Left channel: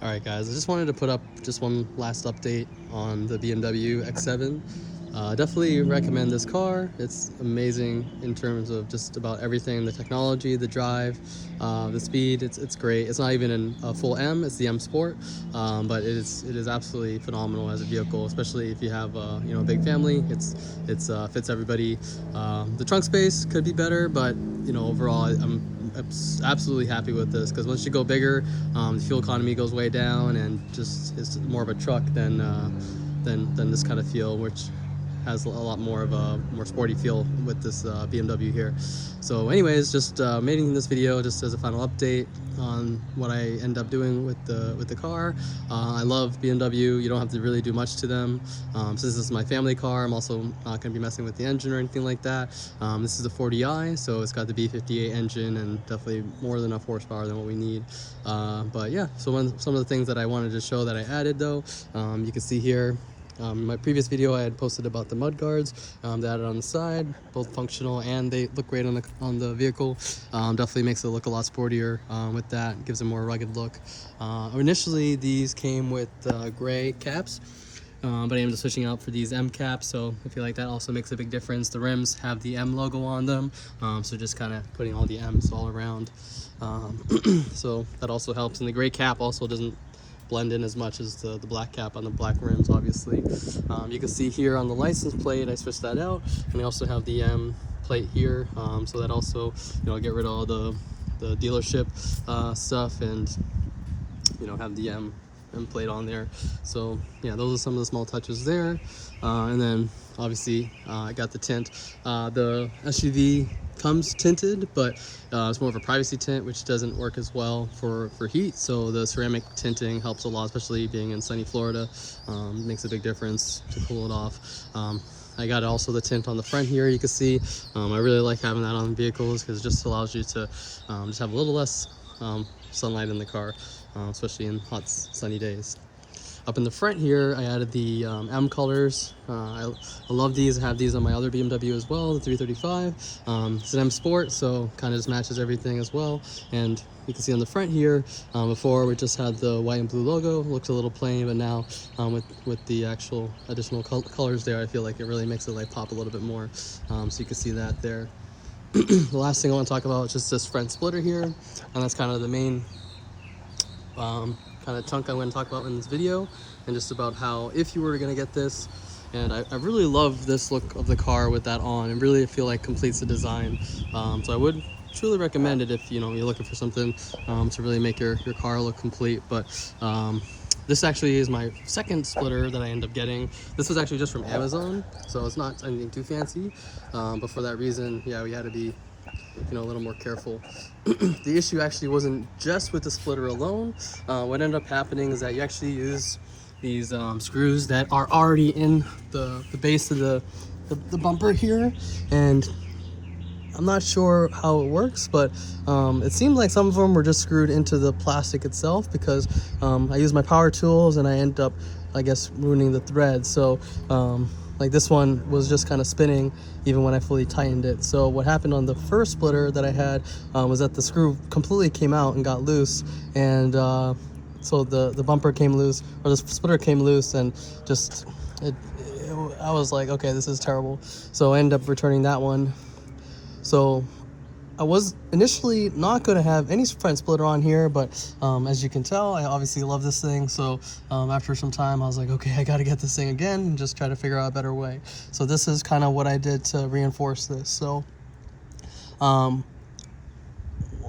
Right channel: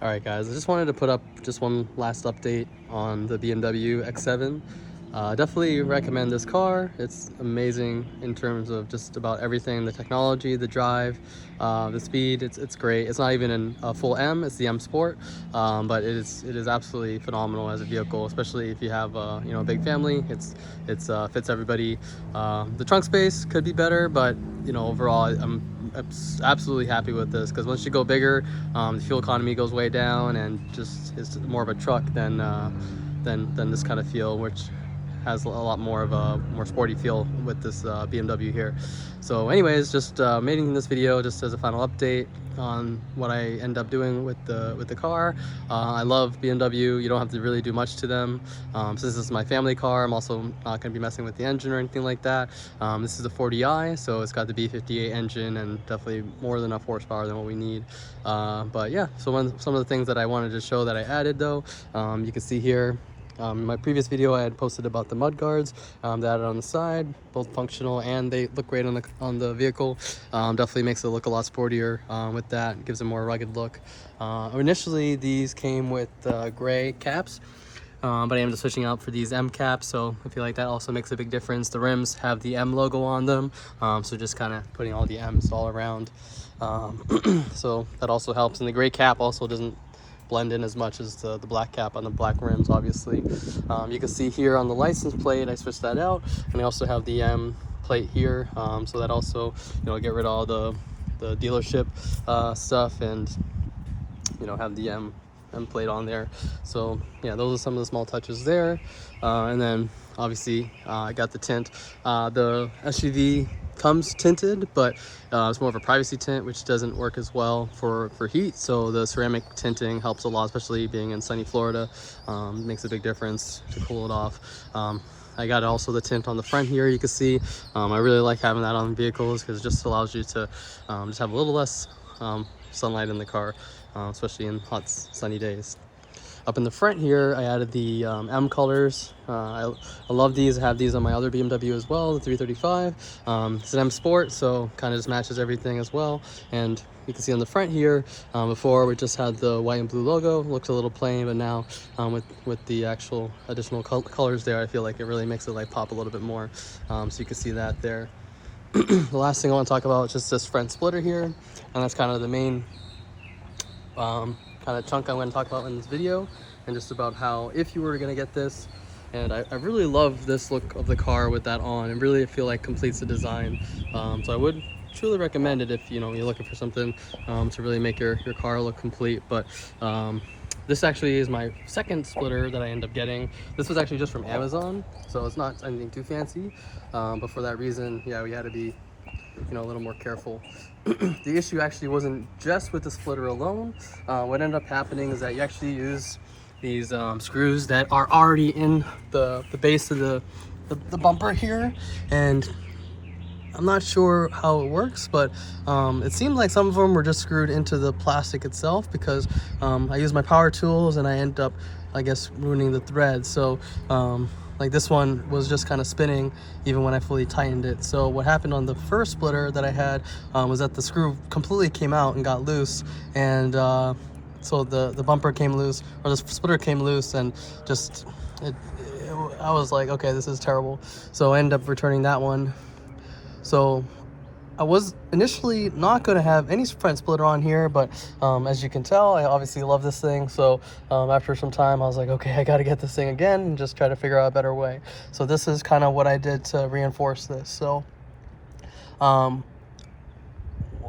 All right, guys, I just wanted to put up just one last update on the BMW X7. Definitely recommend this car. It's amazing in terms of just about everything, the technology, the drive, the speed. It's great. It's not even in a full M, it's the M Sport, but it is absolutely phenomenal as a vehicle, especially if you have a big family. It's fits everybody. The trunk space could be better, but overall I'm absolutely happy with this, because once you go bigger, the fuel economy goes way down, and just it's more of a truck than this kind of feel, which has a lot more of a more sporty feel with this BMW here. So anyways, just making this video just as a final update on what I end up doing with the car. I love BMW. You don't have to really do much to them. Since this is my family car, I'm also not going to be messing with the engine or anything like that. This is a 40i, so it's got the B58 engine and definitely more than enough horsepower than what we need. But yeah, so some of the things that I wanted to show that I added though, you can see here. In my previous video, I had posted about the Mudguards that I added on the side, both functional and they look great on the vehicle. Definitely makes it look a lot sportier with that. Gives it a more rugged look. Initially, these came with gray caps, but I ended up switching out for these M caps, so I feel like that also makes a big difference. The rims have the M logo on them, so just kind of putting all the M's all around. So that also helps, and the gray cap also doesn't blend in as much as the black cap on the black rims, obviously. You can see here on the license plate, I switched that out, and I also have the M plate here, so that also, get rid of all the dealership stuff, and have the M plate on there. So yeah, those are some of the small touches there. And then obviously I got the tint. The SUV comes tinted, but it's more of a privacy tint, which doesn't work as well for heat. So the ceramic tinting helps a lot, especially being in sunny Florida. Makes a big difference to cool it off. I got also the tint on the front here. You can see I really like having that on vehicles, because it just allows you to just have a little less sunlight in the car, especially in hot sunny days. Up in the front here, I added the M colors. I love these. I have these on my other BMW as well, the 335. It's an M Sport, so kind of just matches everything as well. And you can see on the front here, before we just had the white and blue logo. Looks a little plain, but now with the actual additional colors there, I feel like it really makes it like pop a little bit more. So you can see that there. The last thing I want to talk about is just this front splitter here, and that's kind of the main kind of chunk I want to talk about in this video, and just about how if you were going to get this, and I really love this look of the car with that on, and really feel like completes the design. So I would truly recommend it if you're looking for something to really make your car look complete. But this actually is my second splitter that I end up getting. This was actually just from Amazon, so it's not anything too fancy, but for that reason, yeah, we had to be a little more careful. The issue actually wasn't just with the splitter alone. What ended up happening is that you actually use these screws that are already in the base of the bumper here, and I'm not sure how it works, but it seemed like some of them were just screwed into the plastic itself, because I use my power tools and I end up, I guess, ruining the thread. So like this one was just kind of spinning even when I fully tightened it. So what happened on the first splitter that I had was that the screw completely came out and got loose, and so the bumper came loose, or the splitter came loose, and just I was like, okay, this is terrible. So I ended up returning that one. So I was initially not going to have any front splitter on here, but as you can tell, I obviously love this thing. So after some time, I was like, okay, I got to get this thing again and just try to figure out a better way. So this is kind of what I did to reinforce this. So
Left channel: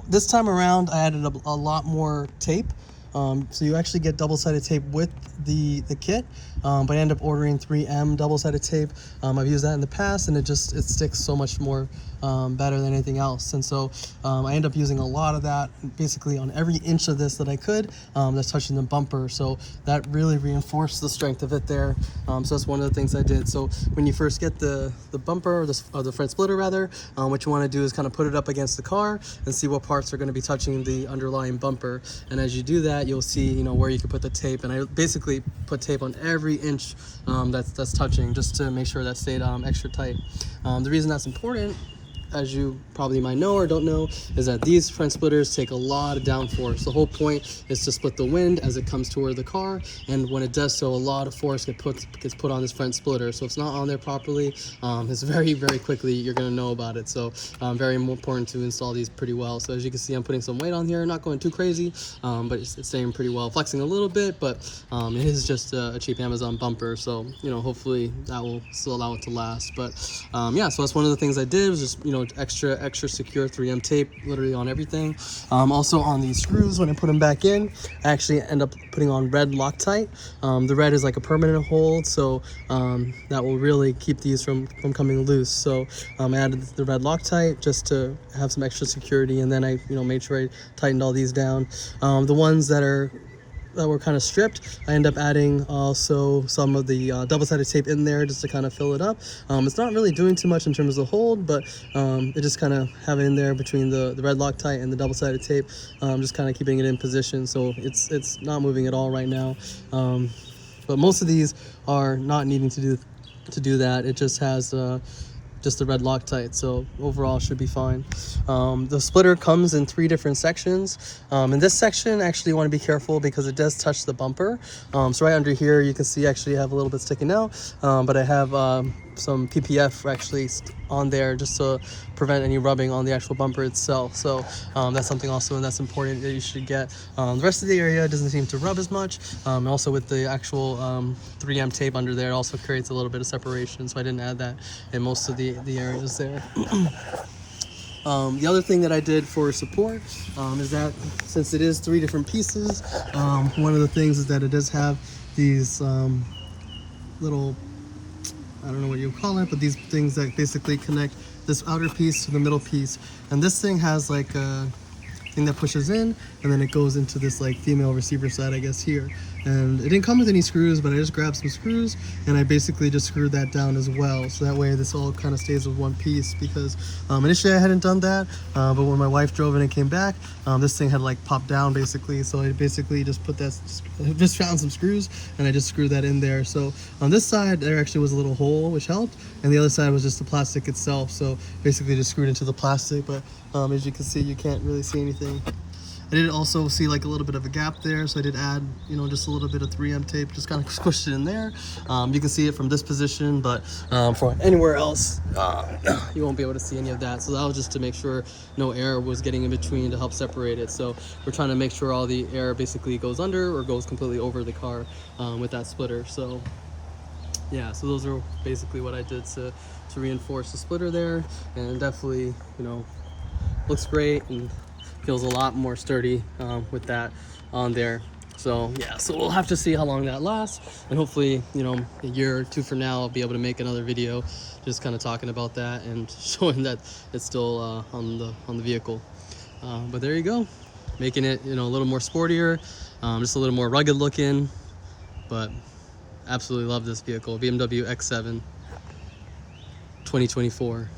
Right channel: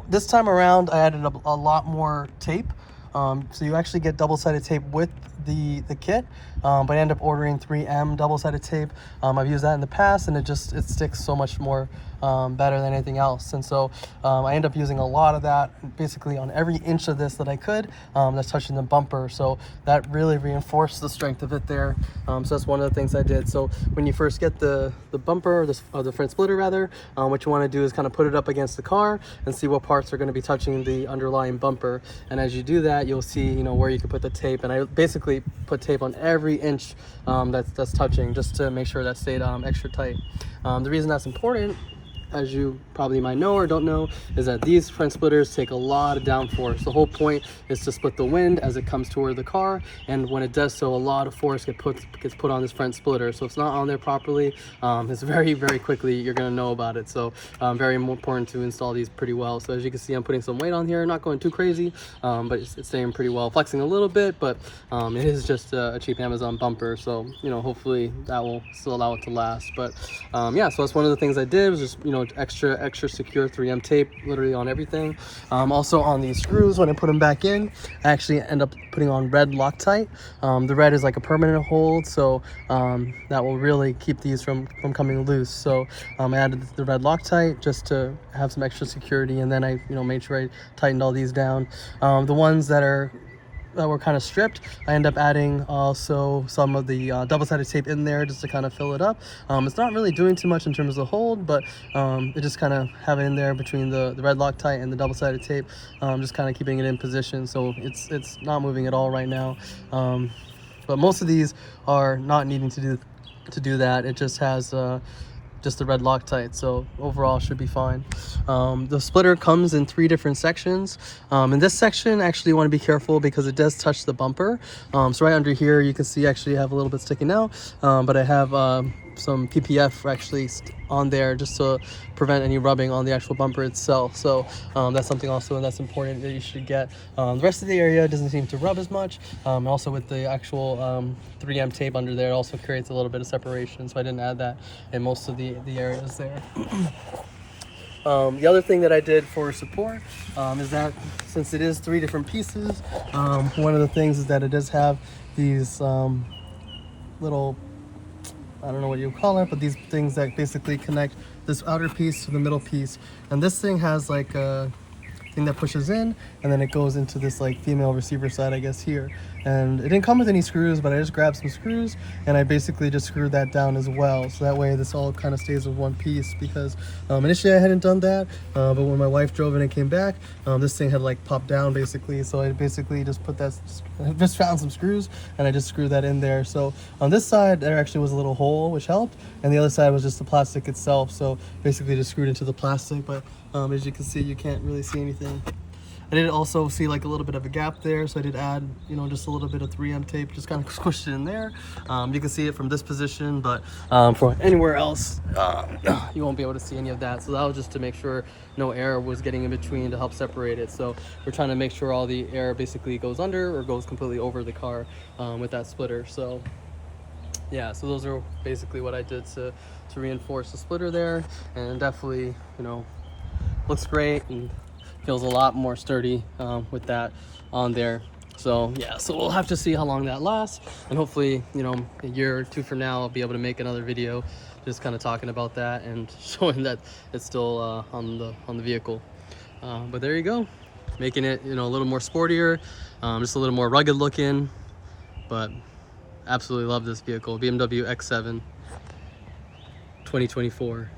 this time around, I added a lot more tape. So you actually get double-sided tape with the kit, but I end up ordering 3M double-sided tape. I've used that in the past, and it sticks so much more better than anything else. And so I end up using a lot of that basically on every inch of this that I could that's touching the bumper. So that really reinforced the strength of it there. So that's one of the things I did. So when you first get the bumper, or the front splitter rather, what you want to do is kind of put it up against the car and see what parts are going to be touching the underlying bumper. And as you do that, you'll see where you can put the tape. And I basically put tape on every inch that's touching, just to make sure that stayed extra tight. The reason that's important as you probably might know or don't know, is that these front splitters take a lot of downforce. The whole point is to split the wind as it comes toward the car, and when it does so, a lot of force gets put on this front splitter. So if it's not on there properly, it's very quickly you're going to know about it. So very important to install these pretty well. So as you can see, I'm putting some weight on here, not going too crazy, but it's staying pretty well, flexing a little bit, but it is just a cheap Amazon bumper. So hopefully that will still allow it to last. But yeah, so that's one of the things I did, was just extra secure 3M tape literally on everything. Also on these screws, when I put them back in, I actually end up putting on red Loctite. The red is like a permanent hold, so that will really keep these from coming loose. So I added the red Loctite just to have some extra security, and then I made sure I tightened all these down. The ones that were kind of stripped, I end up adding also some of the double-sided tape in there just to kind of fill it up. It's not really doing too much in terms of hold, but it just kind of have it in there between the red Loctite and the double-sided tape, just kind of keeping it in position, so it's not moving at all right now. But most of these are not needing to do that. It just has just the red Loctite, so overall should be fine. The splitter comes in 3 different sections. In this section, actually, you want to be careful because it does touch the bumper. So right under here, you can see actually I have a little bit sticking out, but I have some PPF actually on there just to prevent any rubbing on the actual bumper itself. So that's something also that's important that you should get. The rest of the area doesn't seem to rub as much. Also with the actual 3M tape under there, it also creates a little bit of separation, so I didn't add that in most of the areas there. The other thing that I did for support is that since it is 3 different pieces, one of the things is that it does have these little, I don't know what you call it, but these things that basically connect this outer piece to the middle piece. And this thing has like a thing that pushes in, and then it goes into this like female receiver side, I guess, here. And it didn't come with any screws, but I just grabbed some screws and I basically just screwed that down as well, so that way this all kind of stays with one piece, because initially I hadn't done that, but when my wife drove it and came back, this thing had like popped down basically, so I basically just just found some screws and I just screwed that in there. So on this side there actually was a little hole which helped, and the other side was just the plastic itself, so basically just screwed into the plastic. But as you can see, you can't really see anything. I did also see like a little bit of a gap there, so I did add, just a little bit of 3M tape, just kind of squished it in there. You can see it from this position, but from anywhere else, you won't be able to see any of that. So that was just to make sure no air was getting in between to help separate it. So we're trying to make sure all the air basically goes under or goes completely over the car with that splitter. So yeah, so those are basically what I did to reinforce the splitter there, and definitely, looks great and feels a lot more sturdy with that on there. So yeah, so we'll have to see how long that lasts, and hopefully a year or 2 from now I'll be able to make another video just kind of talking about that and showing that it's still on the vehicle. But there you go, making it a little more sportier, just a little more rugged looking, but absolutely love this vehicle. BMW X7 2024.